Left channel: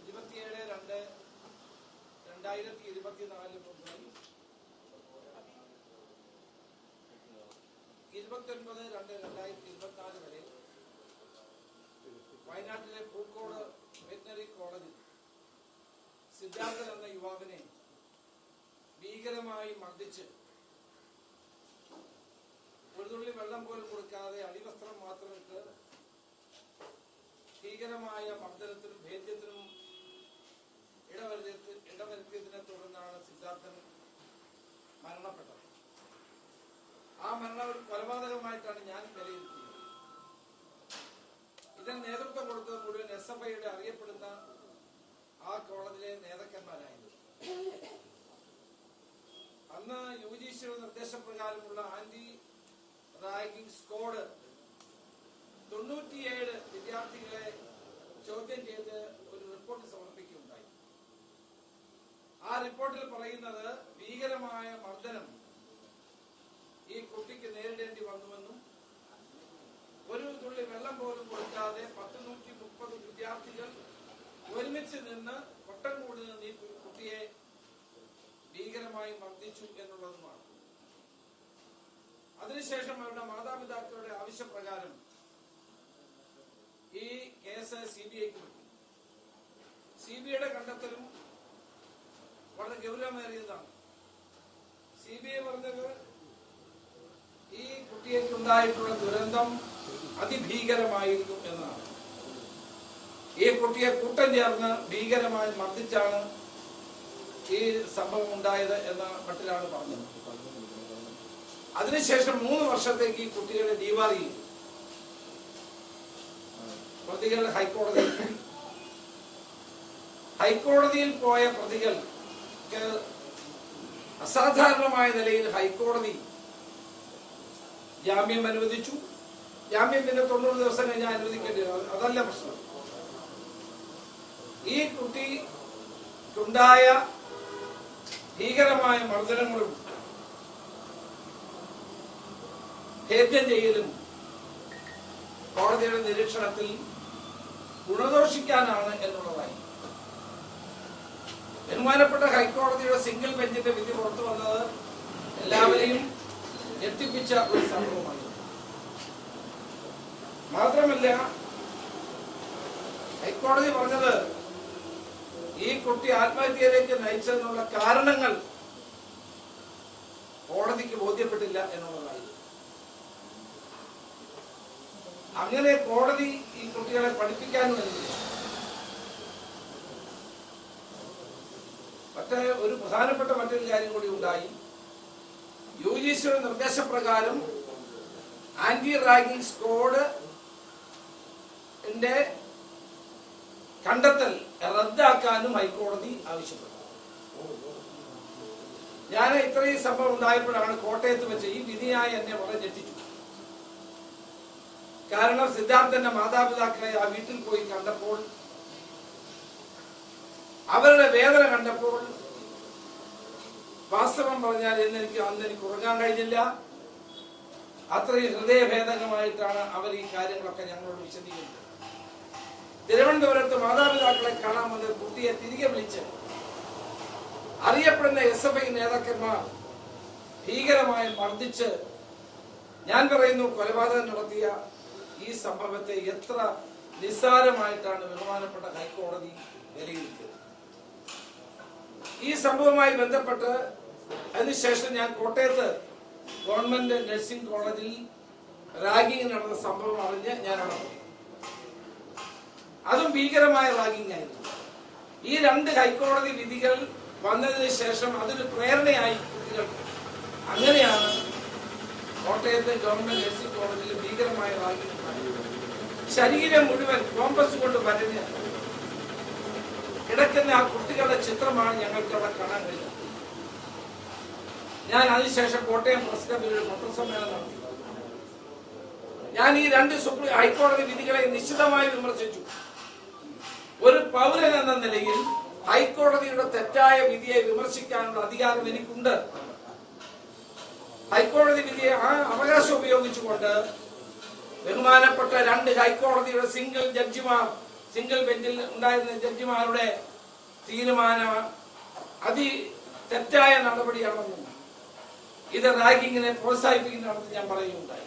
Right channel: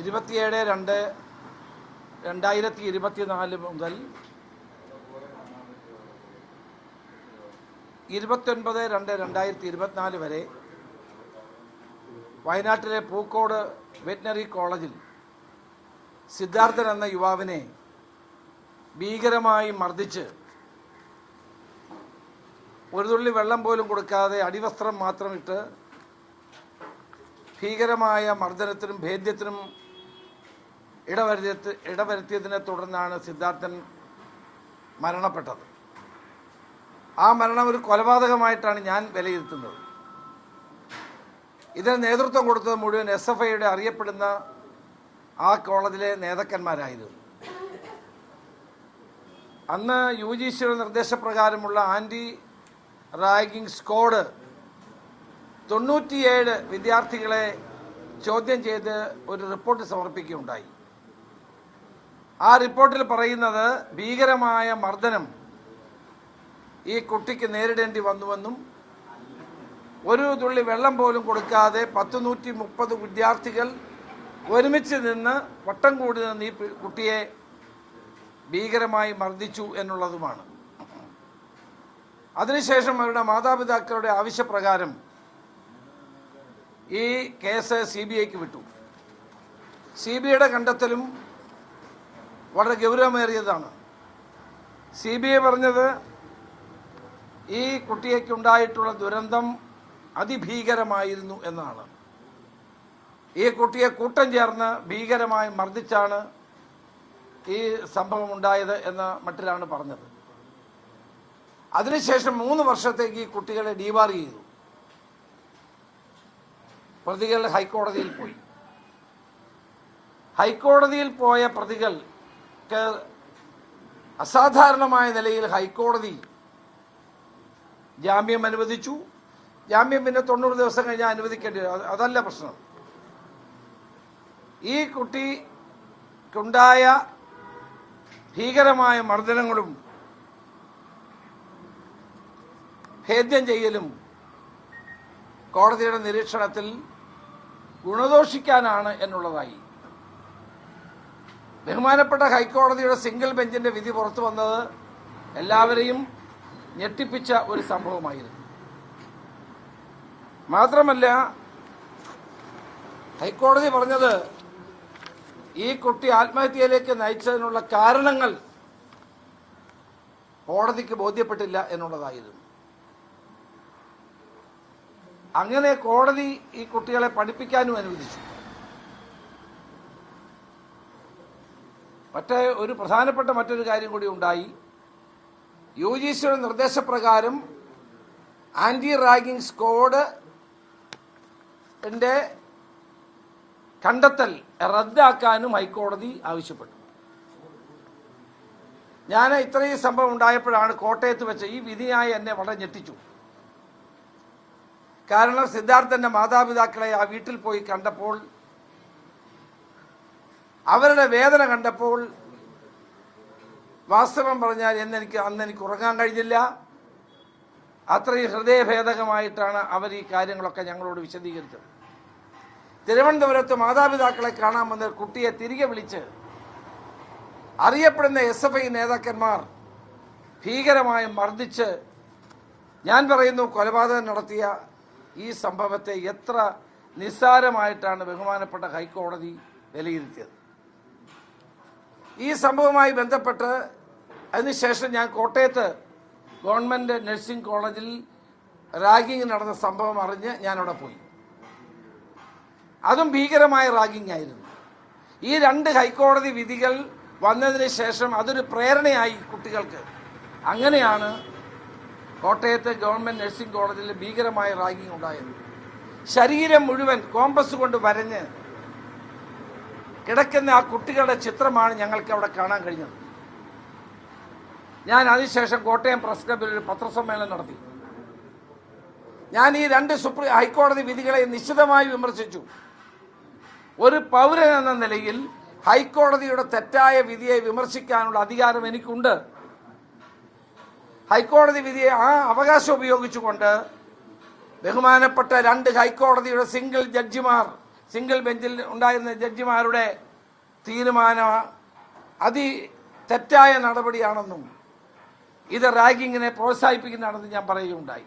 ഇരുപത്തിയേഴ് രണ്ട് രണ്ടായിരത്തി ഇരുപത്തിനാല് മുതൽ ഇരുപത്തൊൻപത് രണ്ട് രണ്ടായിരത്തി ഇരുപത്തിനാല് വരെ വയനാട്ടിലെ പൂക്കോട് വെറ്റിനറി കോളേജിൽ സിദ്ധാർത്ഥൻ എന്ന യുവാവിനെ ഭീകരമായി മർദ്ദിച്ച് ഒരു തുള്ളി വെള്ളം പോലും കൊടുക്കാതെ അടിവസ്ത്രം മാത്രം ഇട്ട് ഭീകരമായ മർദ്ദനത്തിനും ഭേദ്യത്തിനും ഇടവരുത്തി ഇടവരുത്തിയതിനെ തുടർന്നാണ് സിദ്ധാർത്ഥൻ മരണപ്പെട്ടത്. ആ മരണം ഒരു കൊലപാതകമായിട്ടാണ് ഞാൻ വിലയിരുത്തുന്നത്. ഇതിന് നേതൃത്വം കൊടുത്തത് മുഴുവൻ എസ് എഫ് ഐയുടെ അറിയപ്പെടുന്ന ആ കോളേജിലെ നേതാക്കന്മാരായിരുന്നു. അന്ന് യു ജി സിയുടെ നിർദ്ദേശപ്രകാരമുള്ള ആന്റി റാഗിംഗ് സ്ക്വാഡ് തൊണ്ണൂറ്റിയേഴ് വിദ്യാർത്ഥികളെ ചോദ്യം ചെയ്ത് ഒരു റിപ്പോർട്ട് സമർപ്പിക്കുകയുണ്ടായി. ആ റിപ്പോർട്ടിൽ പറയുന്നത് ഭീകരമായ മർദ്ദനം ഈ കുട്ടിക്ക് നേരിടേണ്ടി വന്നുവെന്നും ഒരു തുള്ളി വെള്ളം പോലും കൊടുക്കാതെ പത്ത് നൂറ്റി മുപ്പത് വിദ്യാർത്ഥികൾ ഒരുമിച്ച് നിന്ന് വട്ടം കൂടി നിന്ന് ഈ കുട്ടിയെ ഭീകരമായി മർദ്ദിച്ചു എന്നുള്ളതുമാണ്. അതിനുശേഷം അവരുടെ മാതാപിതാക്കളുടെ ആവശ്യപ്രകാരം ഈ കേസ് സി ബി ഐക്ക് വിട്ടു. സി ബി ഐയുടെ കണ്ടെത്തലും വളരെ ഗൗരവമേറിയതാണ്. സി ബി ഐ പറഞ്ഞത് ഈ കുട്ടിയേക്കുണ്ടായിട്ടുള്ള ദുരന്തം അതിഭീകരമായിരുന്നു എന്നാണ് ഈ കുട്ടിയെ കൂട്ടം ചേർന്ന് ഭീകരമായി മർദ്ദിച്ചാണ് ഈ സംഭവം ഉണ്ടായത് എന്ന മട്ടിലാണ് പറഞ്ഞത്. അതിനുശേഷം മൂന്ന് വർഷത്തേക്ക് ഈ കുട്ടികളെ ഡിവാർ ചെയ്തു. പ്രതികൾ ഹൈക്കോടതിയിൽ പോയി. ഹൈക്കോടതിയിൽ പോയ പ്രതികൾക്ക് അസാധാരണമായ നിലയിൽ ഹൈക്കോടതി ജാമ്യം അനുവദിച്ചു. ജാമ്യം പിന്നെ തൊണ്ണൂറ് ദിവസം കഴിഞ്ഞാൽ അനുവദിക്കേണ്ടി അതല്ല പ്രശ്നം. ഈ കുട്ടിക്കുണ്ടായ ഭീകരമായ മർദ്ദനങ്ങളും ഭേദ്യം ചെയ്യലും കോടതിയുടെ നിരീക്ഷണത്തിൽ ഗുണദോഷിക്കാനാണ് എന്നുള്ളതായി ബഹുമാനപ്പെട്ട ഹൈക്കോടതിയുടെ സിംഗിൾ ബെഞ്ചിന്റെ വിധി പുറത്തു വന്നത് എല്ലാവരെയും ഞെട്ടിപ്പിച്ച ഒരു സംഭവമായിരുന്നു. മാത്രമല്ല ഹൈക്കോടതി പറഞ്ഞത് ഈ കുട്ടി ആത്മഹത്യയിലേക്ക് നയിച്ചതിനുള്ള കാരണങ്ങൾ കോടതിക്ക് ബോധ്യപ്പെട്ടില്ല എന്നുള്ളതായിരുന്നു. അങ്ങനെ കോടതി ഈ കുട്ടികളെ പഠിപ്പിക്കാനും അനുവദിച്ചു. മറ്റേ ഒരു പ്രധാനപ്പെട്ട മറ്റൊരു കാര്യം കൂടി ഉണ്ടായി. യു ജി സിയുടെ നിർദ്ദേശപ്രകാരം ആന്റി റാഗിംഗ് സ്കോഡ് കണ്ടെത്തൽ റദ്ദാക്കാനും ഹൈക്കോടതി ആവശ്യപ്പെട്ടു. ഞാൻ ഇത്രയും സംഭവം ഉണ്ടായപ്പോഴാണ് കോട്ടയത്ത് വെച്ച ഈ വിധിയായി എന്നെ വളരെ ഞെട്ടിച്ചു. കാരണം സിദ്ധാർത്ഥന്റെ മാതാപിതാക്കളെ ആ വീട്ടിൽ പോയി കണ്ടപ്പോൾ അവരുടെ വേദന കണ്ടപ്പോൾ വാസ്തവം പറഞ്ഞാൽ എന്ന് എനിക്ക് അന്ന് എനിക്ക് ഉറങ്ങാൻ കഴിഞ്ഞില്ല. അത്രയും ഹൃദയഭേദകമായിട്ടാണ് അവർ ഈ കാര്യങ്ങളൊക്കെ ഞങ്ങളോട് വിശദീകരിച്ചത്. തിരുവനന്തപുരത്ത് മാതാപിതാക്കളെ കാണാൻ വന്ന കുട്ടിയെ തിരികെ വിളിച്ച് അറിയപ്പെടുന്ന എസ് എഫ് ഐ നേതാക്കന്മാർ ഭീകരമായി മർദ്ദിച്ച് ഞാൻ പറയുന്നു കൊലപാതകം നടത്തിയ ഈ സംഭവത്തെ എത്ര നിസ്സാരമായിട്ടാണ് ബഹുമാനപ്പെട്ട ഹൈക്കോടതി വിലയിരുത്തിയത്. ഈ സംഭവവുമായി ബന്ധപ്പെട്ട് അതിനുശേഷം ഞാൻ കോട്ടയത്ത് ഗവൺമെന്റ് നഴ്സിംഗ് കോളേജിൽ റാഗിങ് നടന്ന സംഭവം അറിഞ്ഞ് ഞാൻ അവിടെ പോയി. അതും ഭീകരമായ റാഗിങ് ആയിരുന്നു. ഈ രണ്ട് ഹൈക്കോടതി വിധികൾ വന്നതിന് ശേഷം അതൊരു പ്രേരണയായി കുട്ടികൾക്ക്. അങ്ങനെയാണ് കോട്ടയത്തെ ഗവൺമെന്റ് നഴ്സിംഗ് കോളേജിൽ ഭീകരമായ റാഗിങ് ഉണ്ടായത്. ശരീരം മുഴുവൻ കോമ്പസ് കൊണ്ട് വരഞ്ഞ് കിടക്കുന്ന ആ കുട്ടികളുടെ ചിത്രമാണ് ഞങ്ങൾക്ക് അവിടെ കാണാൻ കഴിഞ്ഞത്. ഞാൻ അതിനുശേഷം കോട്ടയം പ്രസ് ക്ലബിൽ ഒരു പത്രസമ്മേളനം നടത്തി. ഞാൻ ഈ രണ്ട് സുപ്രീം ഹൈക്കോടതി വിധികളെ നിശിതമായി വിമർശിച്ചു. ഒരു പൗരൻ എന്ന നിലയിൽ ഹൈക്കോടതിയുടെ തെറ്റായ വിധിയെ വിമർശിക്കാനുള്ള അധികാരം എനിക്കുണ്ട്. ഹൈക്കോടതി വിധിയെ ആ അവകാശം ഉപയോഗിച്ചുകൊണ്ട് ബഹുമാനപ്പെട്ട രണ്ട് ഹൈക്കോടതിയുടെ സിംഗിൾ ജഡ്ജിമാർ സിംഗിൾ ബെഞ്ചിൽ ഉണ്ടായിരുന്ന ജഡ്ജിമാരുടെ തീരുമാനം അതി തെറ്റായ നടപടിയാണെന്നും ഇത് റാഗിങ്ങിനെ പ്രോത്സാഹിപ്പിക്കുന്നതാണെന്ന് ഞാൻ പറയുകയുണ്ടായി.